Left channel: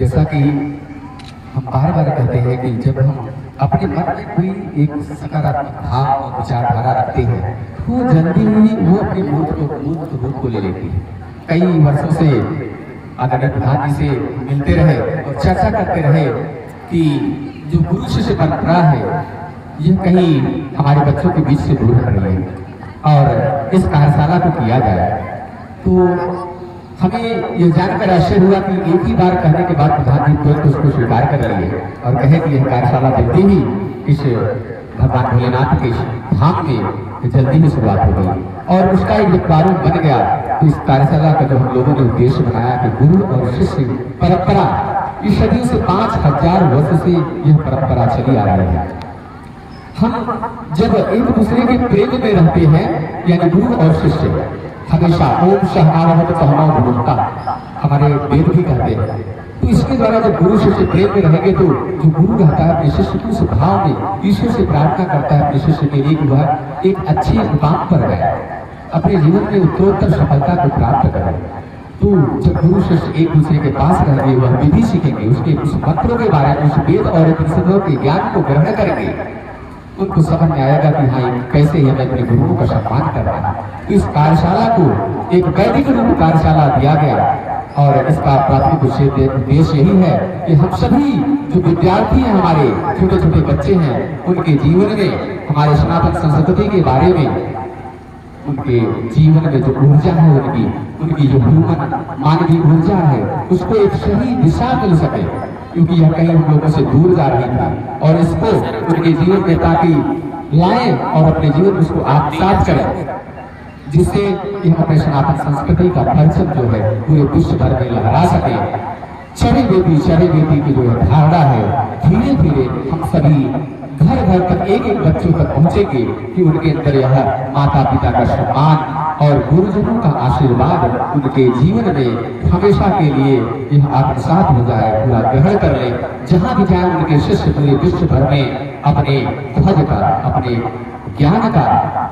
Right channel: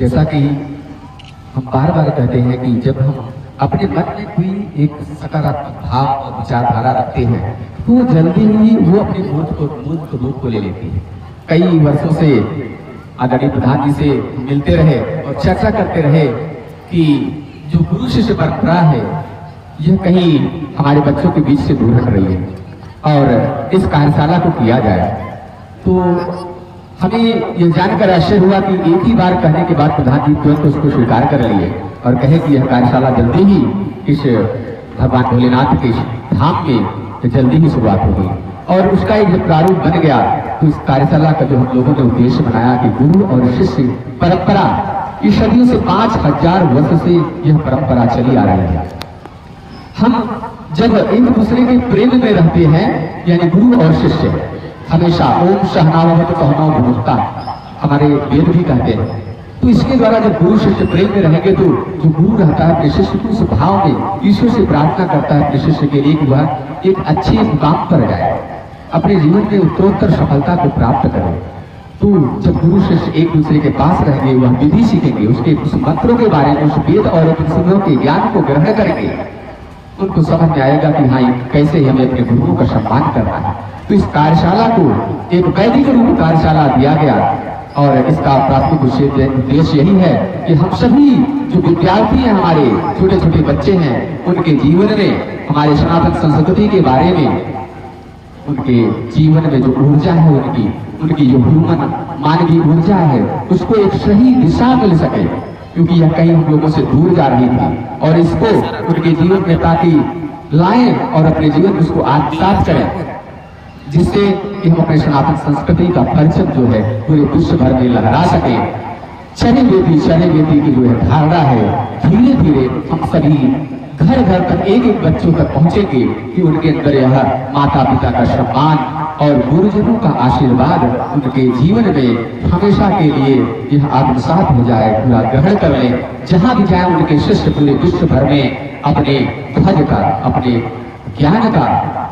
जैसा कि हम बार बार कहते हैं कि जब हम अपने मन में कोई एक सकारात्मक भाव और विचारधारा रखते हैं तो जल्दी ही वो अपने मूर्त रूप को ले लेती है। कई वर्षों से आदरणीय प्रधान जी से मिलते रहे और चर्चा करते रहे कि जो गुरु शिष्य परंपरा है यह कहीं हमारे बच्चों के बीच से दूर हट रही है और इस कार्यशाला को किया जाए। तो हमें ये जानकर आश्चर्य हुआ कि एक ही बार कहने के बाद प्रधान जी तुरंत उसको स्वीकार कर लिए और कहे कि यह कार्यशाला जल्दी ही इस भगवान भोलेनाथ के धाम में जल्दी ही शुरुआत होगी। और उसका एक जो प्रारूप बन गया तो इस कार्यशाला का जो हम लोगों ने उद्देश्य बनाया कि गुरु और शिष्य परंपरा इस सदियों से 5000 वर्ष से यह परंपरा चली आ रही है। हम जब एक दूसरे के प्रेम में रहते हैं यानी गुरु और शिष्य हमेशा ओम सहनावत कहना भूलता हमारे वेद भी कहते हैं। तो इसके द्वारा जब गुरु शिष्य प्रेम में रहेंगे तो जो गुरु रहता है अपने शिष्य की उस भाव में ईश्वर से प्रार्थना करता है अपने शिष्य के लिए कि वह एक अच्छे मुकाम पर जाए, अपने जीवन में उत्तरोत्तर सफलता को प्राप्त करे। तो जब गुरु शिष्य एक दूसरे के पास रहेंगे वह विधि सीखेंगे, उसके उस मंत्रों के बारे में उस वेद और उपनिषदों के ज्ञान को ग्रहण करेंगे, उनको समझ में आएगा कि हाँ कैसे हमें अपने गुरुओं का सम्मान करना है। तो इस कार्यशाला को एक वैदिक रूप कार्यशाला दिया गया और इसका प्राथमिक उद्देश्य यही है कि हम सभी जो विद्यार्थी हैं हमारे छोटे छोटे बच्चे हैं उनके जीवन में हमारे सनातन संस्कृति के बारे में उनके जीवन में जो ऊर्जा है उनकी जो ह्यूमन मानवीय ऊर्जा है उसको एक सही दिशा मिल सके, क्योंकि यह कहीं हम लोगों से दूर जा रही थी और इसको उनके जीवन में ताकि लाएं और अपने जीवन में उसको आत्मसात करें, जिससे हम अपने सनातन संस्कृति का परचम जो है पूरे विश्व भर में लहरा सके। शनि बेटी की जो धारणा है धीरे धीरे हम सभी घर घर तक एक एक बच्चों तक पहुंचेंगे कि उनके अंदर यह माता पिता का सम्मान और गुरुजनों का आशीर्वाद उनके जीवन में हमेशा के लिए यह आत्मसात हो जाए, पूरा ग्रहण कर ले। जहां भी जाए उनके शिष्य पूरे विश्व भर में अपने ध्वज का अपने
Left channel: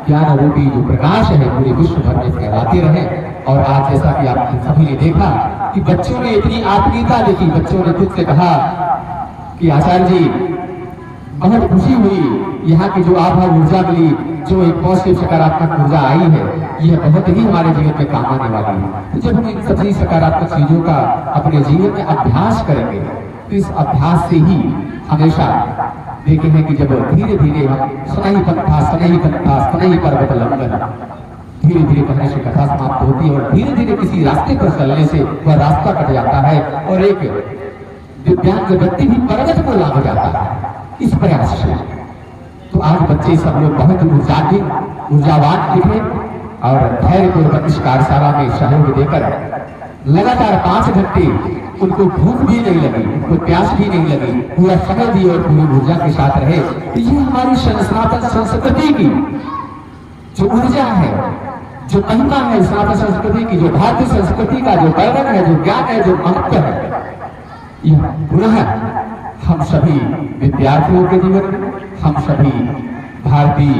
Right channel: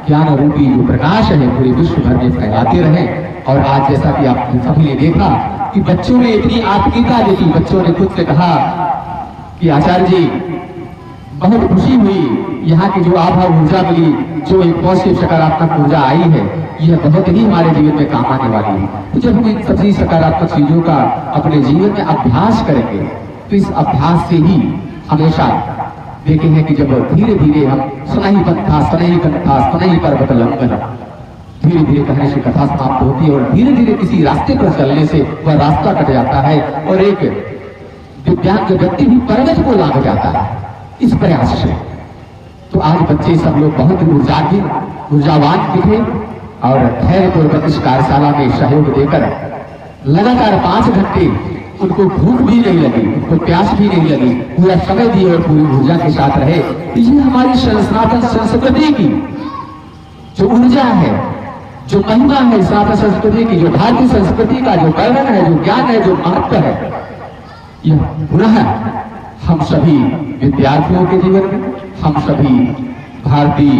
ज्ञान रूपी जो प्रकाश है पूरे विश्व भर में फैलाते रहे। और आज जैसा कि आप सभी ने देखा कि बच्चों ने इतनी आत्मीयता देखी, बच्चों ने खुद से कहा कि आचार्य जी बहुत खुशी हुई, यहाँ की जो आभा ऊर्जा मिली, जो एक पॉजिटिव सकारात्मक ऊर्जा आई है यह बहुत ही हमारे जीवन में काम आने वाली है। तो जब हम इन सभी सकारात्मक चीजों का अपने जीवन में अभ्यास करेंगे तो इस अभ्यास से ही हमेशा देखे हैं कि जब धीरे धीरे हम सनई पर्वत लंघन धीरे धीरे कहने से कथा समाप्त होती है और धीरे धीरे किसी रास्ते पर चलने से वह रास्ता कट जाता है और एक दिव्यांग व्यक्ति भी पर्वत को लांघ जाता है इस प्रयास से। तो आज बच्चे सब लोग बहुत ऊर्जावान दिखे और धैर्यपूर्वक इस कार्यशाला में सहयोग देकर लगातार 5 घंटे उनको भूख भी नहीं लगी, उनको प्यास भी नहीं लगी, पूरा समय दिए और पूरी ऊर्जा के साथ रहे। तो ये हमारी सनातन संस्कृति की जो ऊर्जा है, जो महिमा है सनातन संस्कृति की, जो भारतीय संस्कृति का जो वर्णन है, जो ज्ञान है, जो महत्व है, यह पुनः हम सभी विद्यार्थियों के जीवन में, हम सभी भारतीय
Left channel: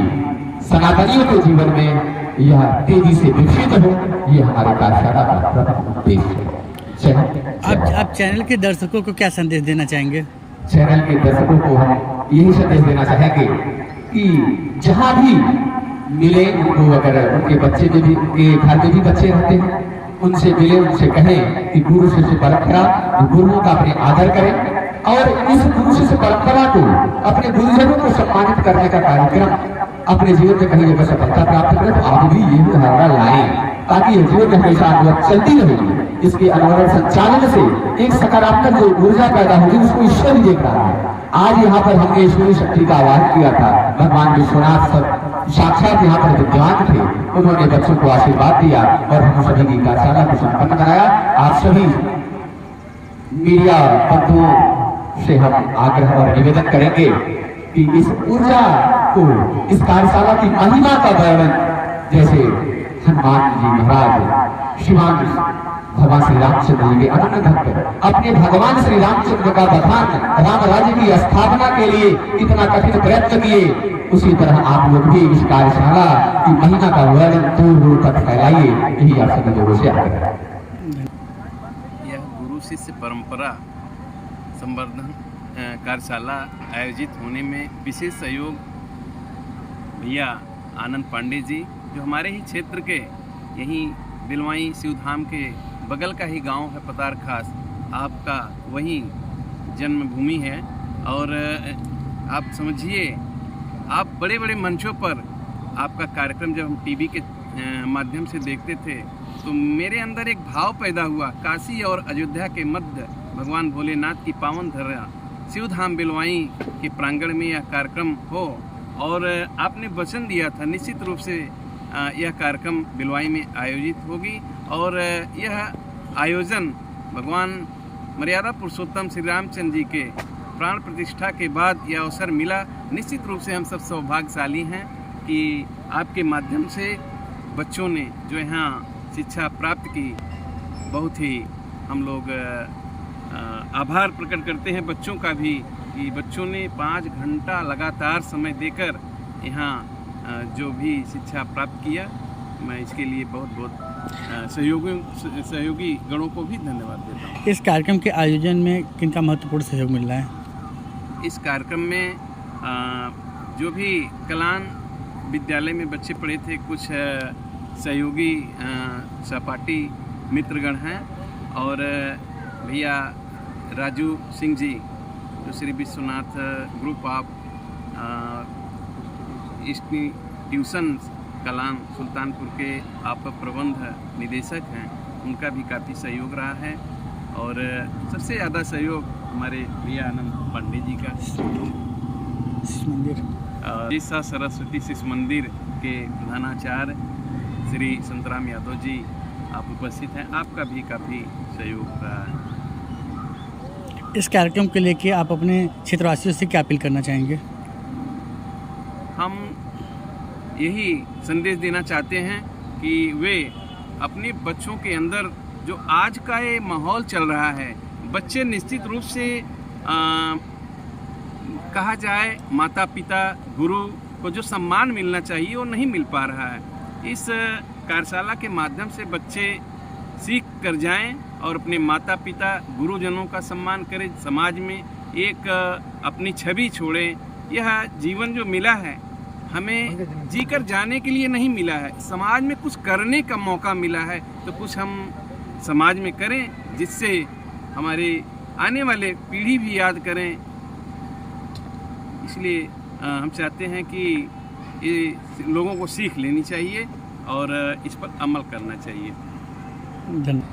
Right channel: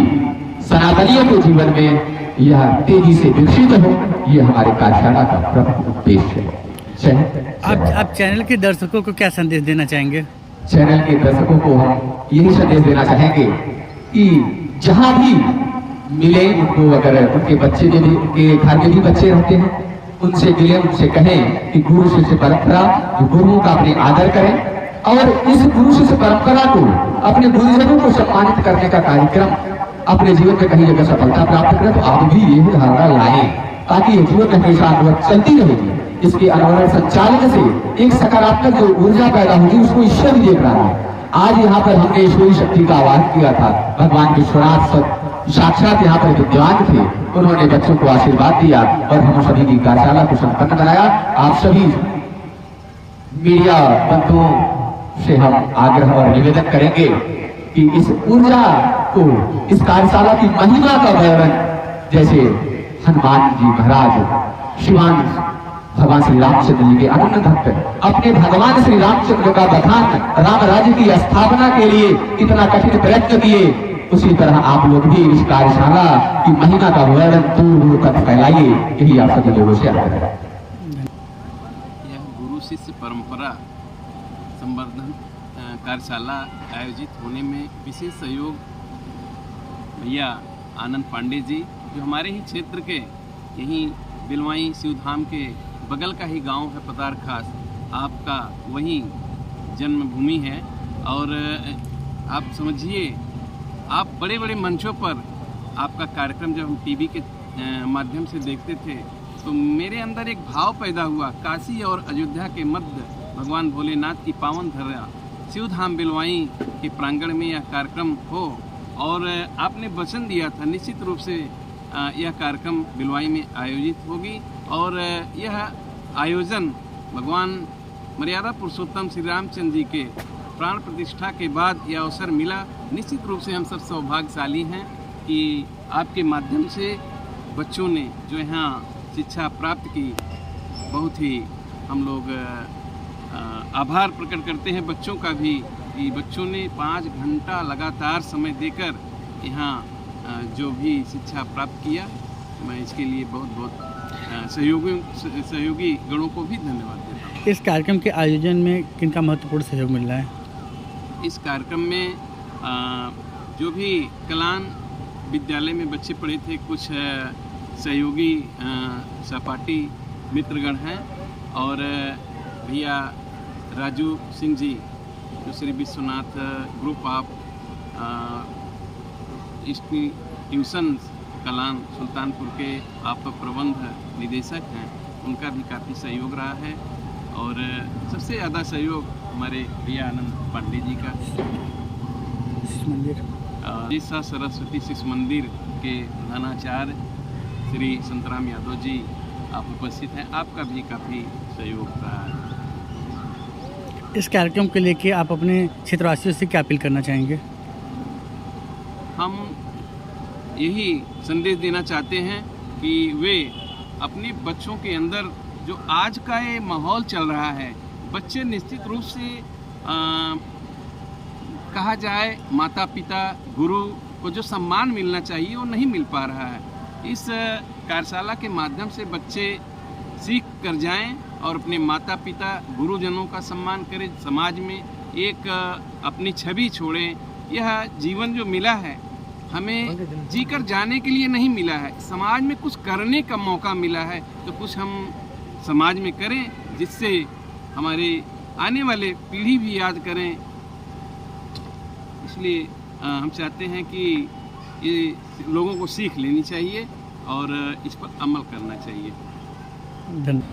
सनातनियों के जीवन में यह तेजी से विकसित हो, ये हमारे कार्यशाला का प्रमुख उद्देश्य है। आप चैनल के दर्शकों को क्या संदेश देना चाहेंगे? चैनल के दर्शकों को हम यही संदेश देना चाहेंगे कि जहां भी मिले उनको, अगर उनके बच्चे में भी, उनके घर में भी बच्चे रहते हैं, उनसे मिले, उनसे कहें कि गुरु शिष्य परंपरा, गुरुओं का अपने आदर करें और इस गुरु शिष्य परंपरा को, अपने गुरुजनों को सम्मानित करने का कार्यक्रम अपने जीवन में कहीं जगह सफलता प्राप्त करें। तो आप भी यही धारणा लाएं ताकि ये जीवन में हमेशा अनुभव चलती रहेगी। इसके अनुभव संचालन से एक सकारात्मक जो ऊर्जा पैदा होगी उसको ईश्वर भी देख रहा है। आज यहाँ पर हमने ईश्वरीय शक्ति का आह्वान किया था, भगवान विश्वनाथ साक्षात यहाँ पर विद्वान थे, उन्होंने बच्चों को आशीर्वाद दिया और हम सभी की कार्यशाला को संपन्न कराया। आप सभी मीडिया बंधुओं से हम आग्रह और निवेदन करेंगे कि इस ऊर्जा को, इस कार्यशाला की महिमा का वर्णन जैसे हनुमान जी महाराज, शिवान भगवान श्री रामचंद्र जी के अनन्य भक्त अपने भगवान श्री रामचंद्र का बखान, राम राज्य की स्थापना के लिए कितना कठिन प्रयत्न किए, उसी तरह आप लोग भी इस कार्यशाला की महिमा का वर्णन दूर दूर तक फैलाइए, यही आप सभी लोगों से आग्रह है। यह गुरु शिष्य परंपरा संवर्धन कार्यशाला आयोजित होने में विशेष सहयोग भैया आनंद पांडे जी, जो हमारे ही क्षेत्र के यहीं बिलवाई शिवधाम के बगल का ही गांव है पतार खास, आपका वहीं जन्मभूमि है। और आप समझिए, आप बड़े बड़े मंचों पर आपका कार्यक्रम जब हम टीवी के माध्यम से देखते थे तो मेरे अंदर एक भाव पैदा हुआ, काशी और अयोध्या के मध्य भगवान भोलेनाथ की पावन धरा शिवधाम बिलवाई के प्रांगण में यह कार्यक्रम हो। और आपने वचन दिया था निश्चित रूप से यह कार्यक्रम बिलवाई में आयोजित होगी। और यह आयोजन भगवान मर्यादा पुरुषोत्तम श्री रामचंद्र जी के प्राण प्रतिष्ठा के बाद यह अवसर मिला। निश्चित रूप से हम सब सौभाग्यशाली हैं कि आपके माध्यम से बच्चों ने जो यहाँ शिक्षा प्राप्त की, बहुत ही हम लोग आभार प्रकट करते हैं बच्चों का भी कि बच्चों ने 5 घंटा लगातार समय देकर यहाँ जो भी शिक्षा प्राप्त किया। मैं इसके लिए बहुत बहुत सहयोगी गणों को भी धन्यवाद देता हूँ। इस कार्यक्रम के आयोजन में किनका महत्वपूर्ण सहयोग मिल रहा है? इस कार्यक्रम में जो भी कलान विद्यालय में बच्चे पढ़े थे, कुछ सहयोगी सहपाठी मित्रगण हैं और भैया राजू सिंह जी जो Shri Vishwanath group of institution Kalan Sultanpur के आप प्रबंध निदेशक हैं, उनका भी काफ़ी सहयोग रहा है। और सबसे ज़्यादा सहयोग हमारे भैया आनंद पांडे जी का, मंदिर जिसा सरस्वती शिशु मंदिर के प्रधानाचार्य श्री संतराम यादव जी आप उपस्थित हैं, आपका भी काफ़ी सहयोग रहा है। इस कार्यक्रम को लेके आप अपने क्षेत्रवासियों से क्या अपील करना चाहेंगे? हम यही संदेश देना चाहते हैं कि वे अपने बच्चों के अंदर जो आज का ये माहौल चल रहा है, बच्चे निश्चित रूप से कहा जाए माता पिता गुरु को जो सम्मान मिलना चाहिए वो नहीं मिल पा रहा है। इस कार्यशाला के माध्यम से बच्चे सीख कर जाएं और अपने माता पिता गुरुजनों का सम्मान करें, समाज में एक अपनी छवि छोड़ें। यह जीवन जो मिला है हमें जीकर जाने के लिए नहीं मिला है, समाज में कुछ करने का मौका मिला है, तो कुछ हम समाज में करें जिससे हमारे आने वाले पीढ़ी भी याद करें। इसलिए हम चाहते हैं कि ये लोगों को सीख लेनी चाहिए और इस पर अमल करना चाहिए। धन्यवाद।